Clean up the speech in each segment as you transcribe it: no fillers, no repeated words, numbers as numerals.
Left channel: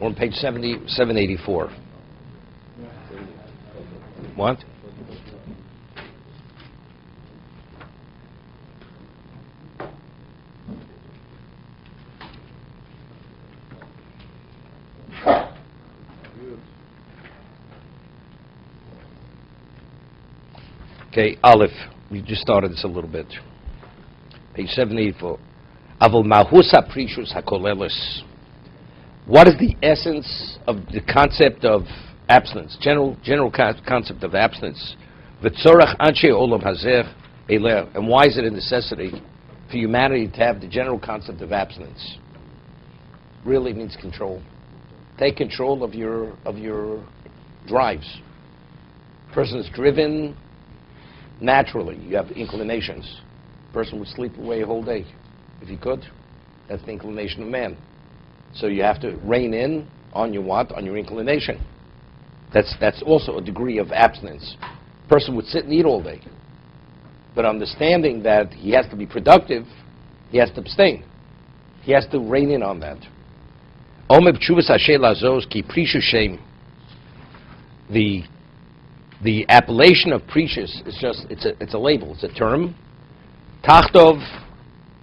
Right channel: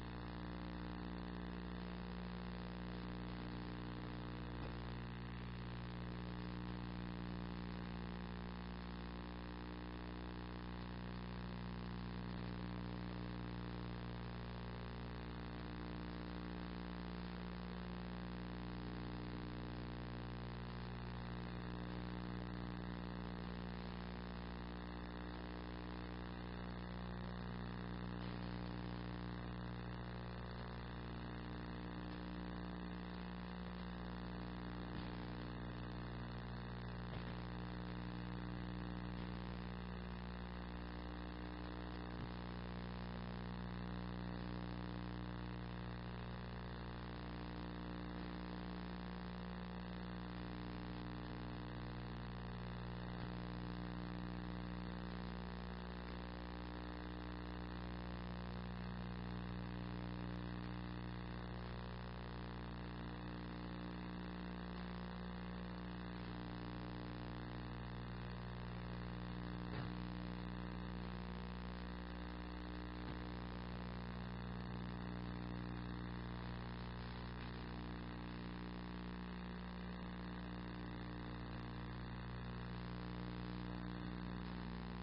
We're on page 784. What? Okay, Aleph. We just started this a little bit. Page 784. Avol Mahusa Prishus HaKolelis. What is the essence of the concept of abstinence? General concept of abstinence. V'tzorach anshe olam hazeh eleh. And why is it a necessity for humanity to have the general concept of abstinence? Really means control. Take control of your drives. Person is driven naturally. You have inclinations. Person would sleep away a whole day if he could. That's the inclination of man. So you have to rein in on your what? On your inclination. That's also a degree of abstinence. Person would sit and eat all day. But understanding that he has to be productive, he has to abstain. He has to rein in on that. The appellation of precious is just, it's a label, it's a term. Tachtov,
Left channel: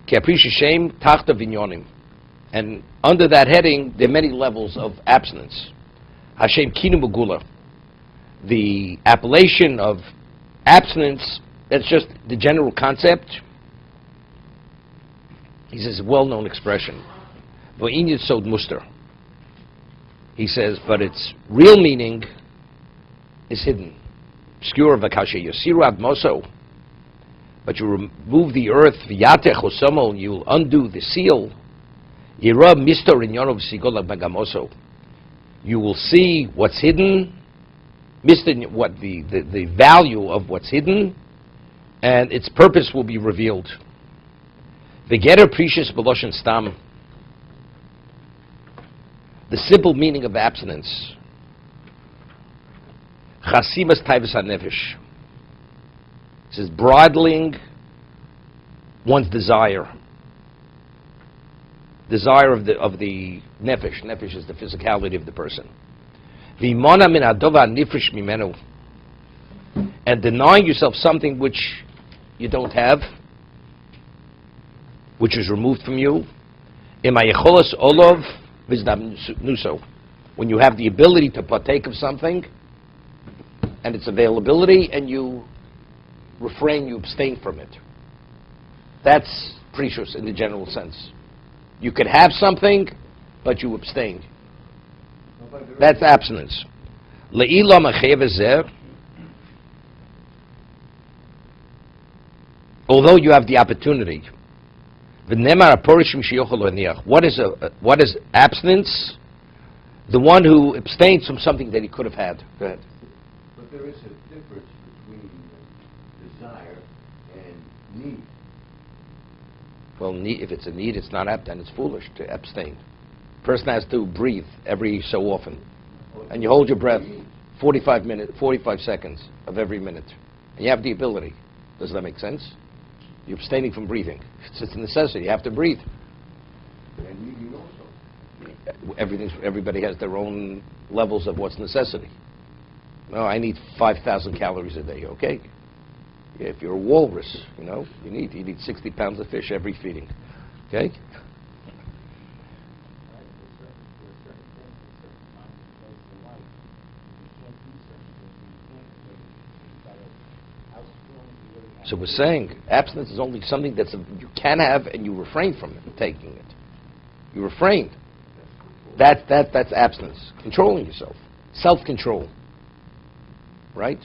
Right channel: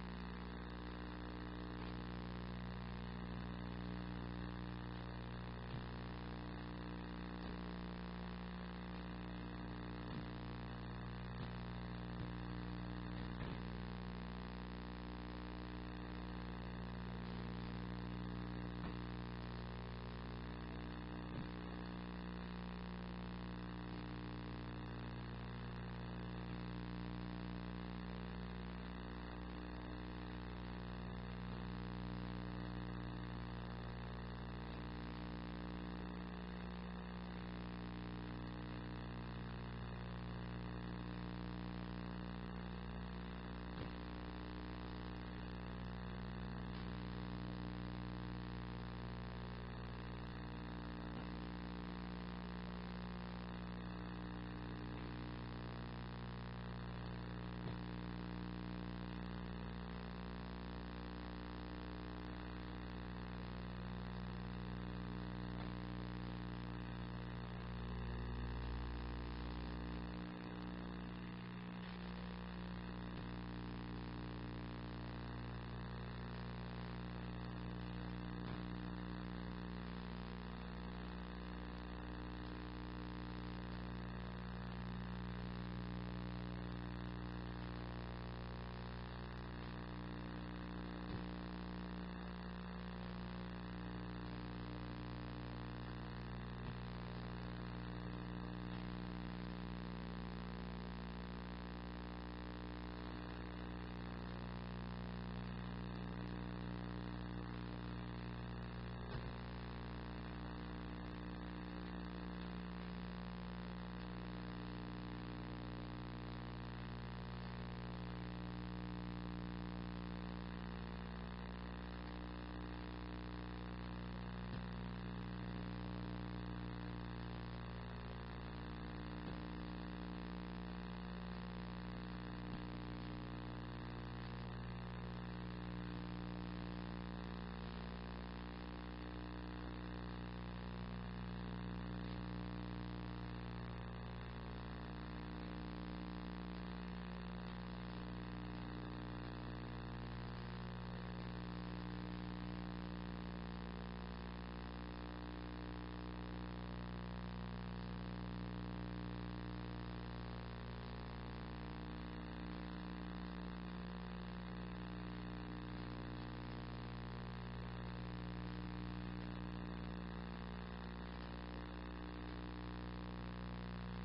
ki precious shem, tachtov inyonim. And under that heading, there are many levels of abstinence. Hashem kinu begula. The appellation of abstinence, that's just the general concept. He says, a well-known expression. V'in yitzod muster. He says, but its real meaning is hidden. Obscure v'kashe yosiru ad moso. But you remove the earth, v'yatech osomo, and you'll undo the seal. Yira misto rinyonov sigol bagamoso. You will see what's hidden, what the value of what's hidden, and its purpose will be revealed. V'geter precious b'loshen stam. The simple meaning of abstinence. Chasimas taivas hanefesh. It says bridling one's desire. Desire of the nefesh. Nefesh is the physicality of the person. V'imona min adova nifresh mimenu. And denying yourself something which you don't have, which is removed from you. Imayecholas olov v'zdamnuso. When you have the ability to partake of something, and its availability, and you refrain, you abstain from it. That's precious in the general sense. You could have something, but you abstain. That's abstinence. Le'ila machev ezer. Although you have the opportunity. What is abstinence? The one who abstains from something that he could have had. Go ahead. But there is a difference between desire and need. Well, if it's a need, it's not apt, and it's foolish to abstain. Person has to breathe every so often, and you hold your breath 45 seconds of every minute, and you have the ability. Does that make sense? You're abstaining from breathing. It's a necessity. You have to breathe. And need also. Everybody has their own levels of what's necessity. No, I need 5,000 calories a day. Okay. If you're a walrus, you need 60 pounds of fish every feeding. Okay? So we're saying abstinence is only something you can have, and you refrain from taking it. You refrain. That's abstinence. Controlling yourself. Self-control. Right?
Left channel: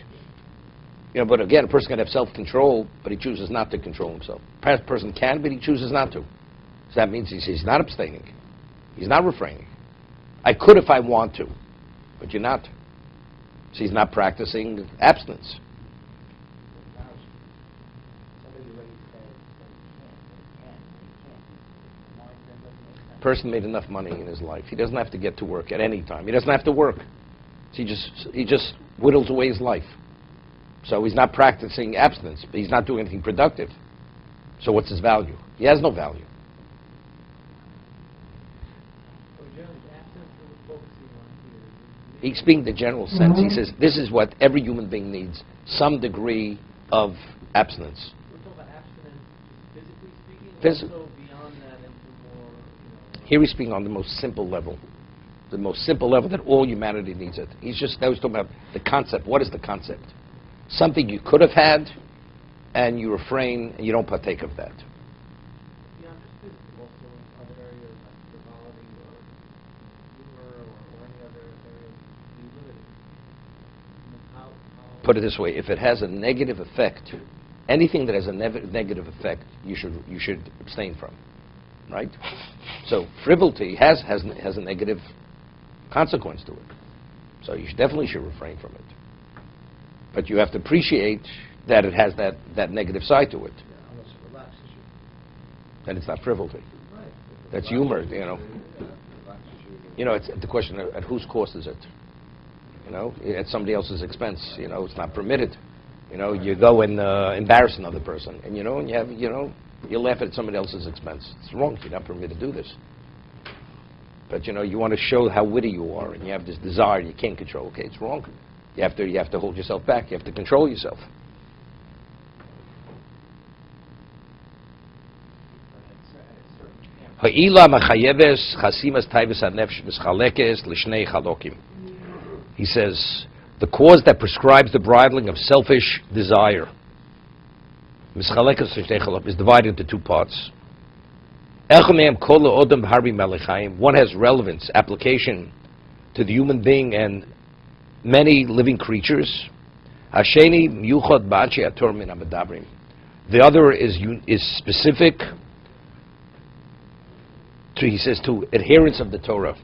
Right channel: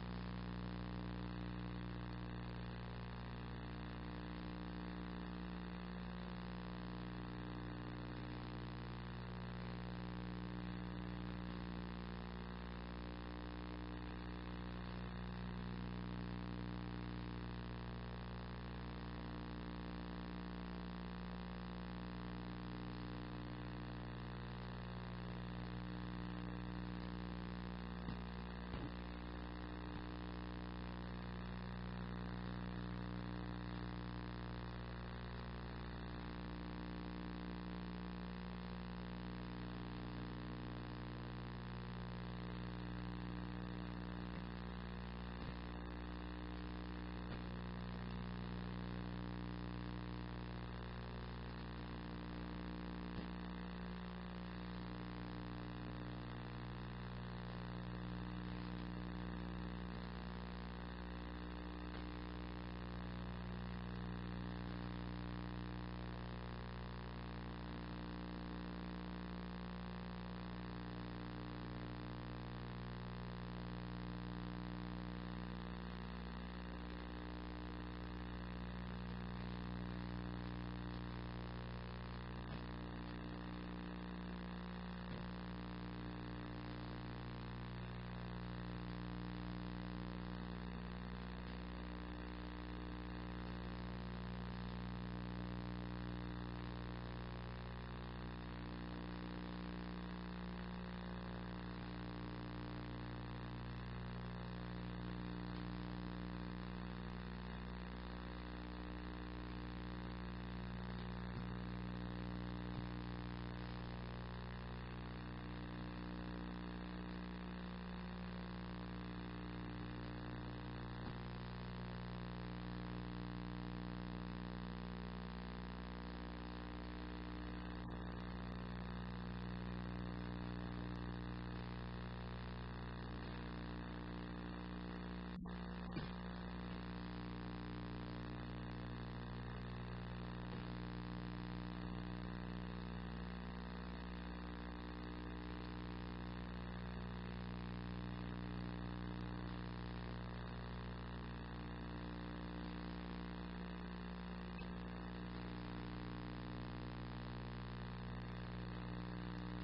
But again, a person can have self-control, but he chooses not to control himself. Perhaps a person can, but he chooses not to. So that means he's not abstaining. He's not refraining. I could if I want to, but you're not. So he's not practicing abstinence. Person made enough money in his life. He doesn't have to get to work at any time. He doesn't have to work. He just whittles away his life. So he's not practicing abstinence, but he's not doing anything productive. So what's his value? He has no value. He's speaking the general sense. He says this is what every human being needs, some degree of abstinence. Here he's speaking on the most simple level. The most simple level that all humanity needs it. He's talking about the concept. What is the concept? Something you could have had, and you refrain, and you don't partake of that. Put it this way: if it has a negative effect, anything that has a negative effect, you should abstain from, right? So frivolity has a negative consequence to it. So you definitely should refrain from it. But you have to appreciate that it has that negative side to it. Then it's not frivolity. That's humor, you know. You know, it's the question at whose cost is it? You know, at somebody else's expense. You know, it's not permitted. You know, you go and embarrass another person, and you laugh at somebody else's expense. It's wrong. You're not permitted to do this. But you know, you want to show how witty you are, and you have this desire you can't control. Okay, it's wrong. You have to hold yourself back. You have to control yourself. He says, the cause that prescribes the bridling of selfish desire is divided into two parts. One has relevance, application to the human being and many living creatures. The other is specific to, he says, to adherence of the Torah.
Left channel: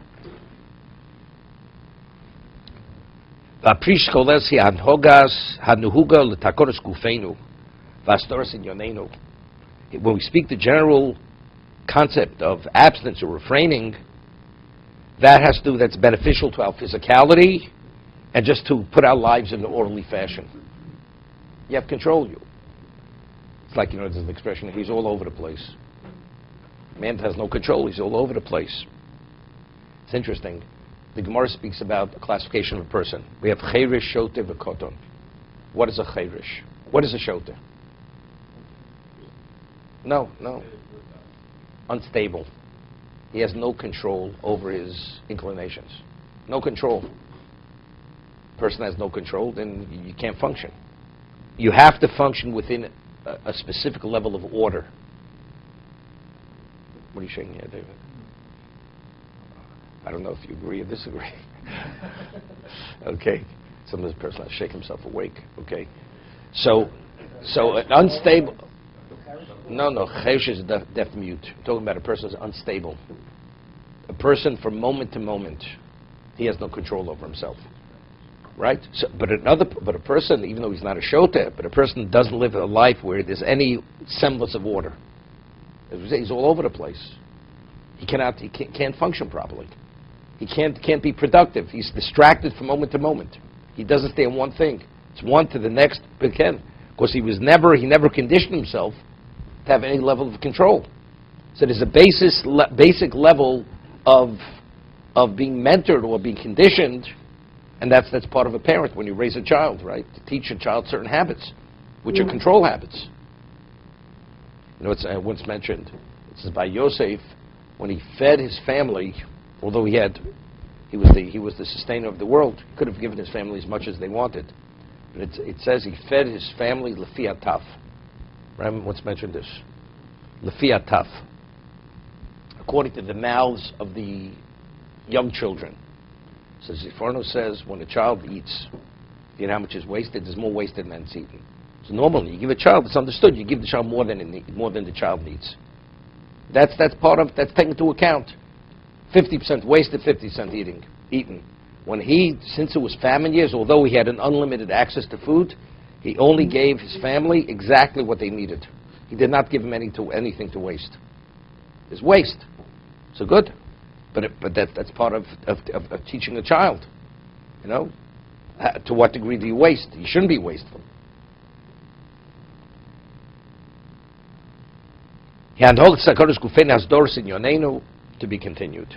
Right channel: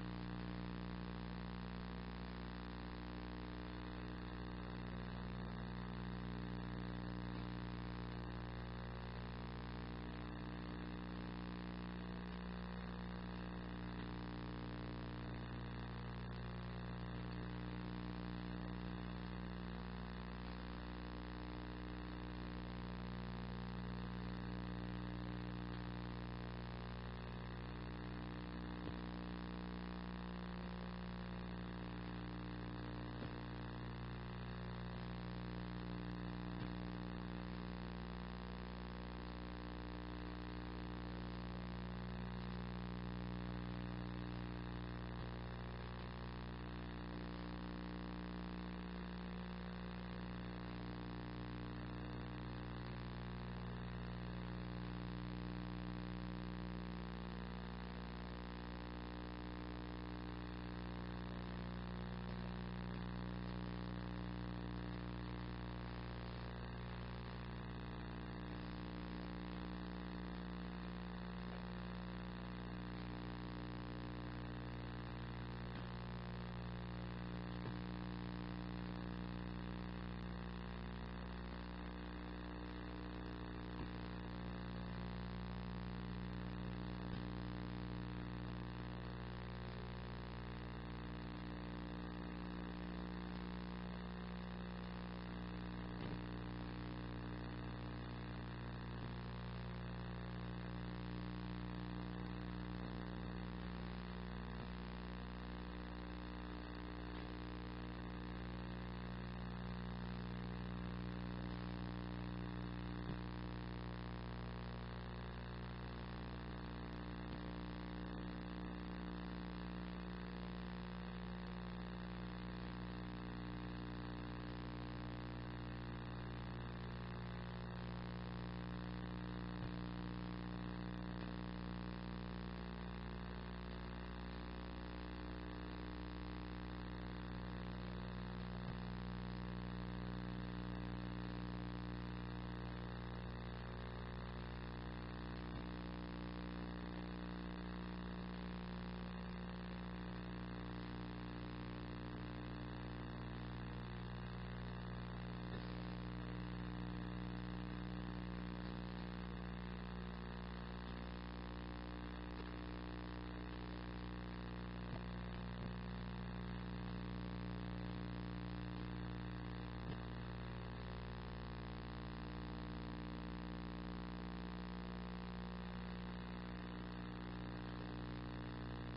When we speak the general concept of abstinence or refraining, that's beneficial to our physicality and just to put our lives in an orderly fashion. You have control. It's like, there's an expression, he's all over the place. Man has no control, he's all over the place. It's interesting. The Gemara speaks about the classification of a person. We have chayrish, shote, v'koton. What is a chayrish? What is a shote? No. Unstable. He has no control over his inclinations. No control. Person has no control, then you can't function. You have to function within a specific level of order. What are you shaking here, David? I don't know if you agree or disagree. Okay. Some of this person has to shake himself awake. Okay. So an unstable. No. Chesh is deaf mute. I'm talking about a person who's unstable. A person from moment to moment, he has no control over himself. Right? But a person, even though he's not a shota, but a person doesn't live a life where there's any semblance of order. He's all over the place. He can't function properly. He can't be productive. He's distracted from moment to moment. He doesn't stay on one thing. It's one to the next again. Because he never conditioned himself to have any level of control. So there's a basic level of being mentored or being conditioned, and that's part of a parent when you raise a child, right? To teach a child certain habits, which are control habits. It's once mentioned. This is by Joseph when he fed his family. Although he was the sustainer of the world, could have given his family as much as they wanted. But it says he fed his family lefi ataf. Right? Once mentioned this. Lefi ataf. According to the mouths of the young children. So Ziforno says when a child eats, you know how much is wasted? There's more wasted than it's eaten. So normally, you give a child, it's understood, you give the child more than the child needs. That's taken into account. 50% wasted, 50% eaten. Since it was famine years, although he had an unlimited access to food, he only gave his family exactly what they needed. He did not give them anything to waste. It's waste. So good. But that's part of teaching a child. To what degree do you waste? You shouldn't be wasteful. To be continued.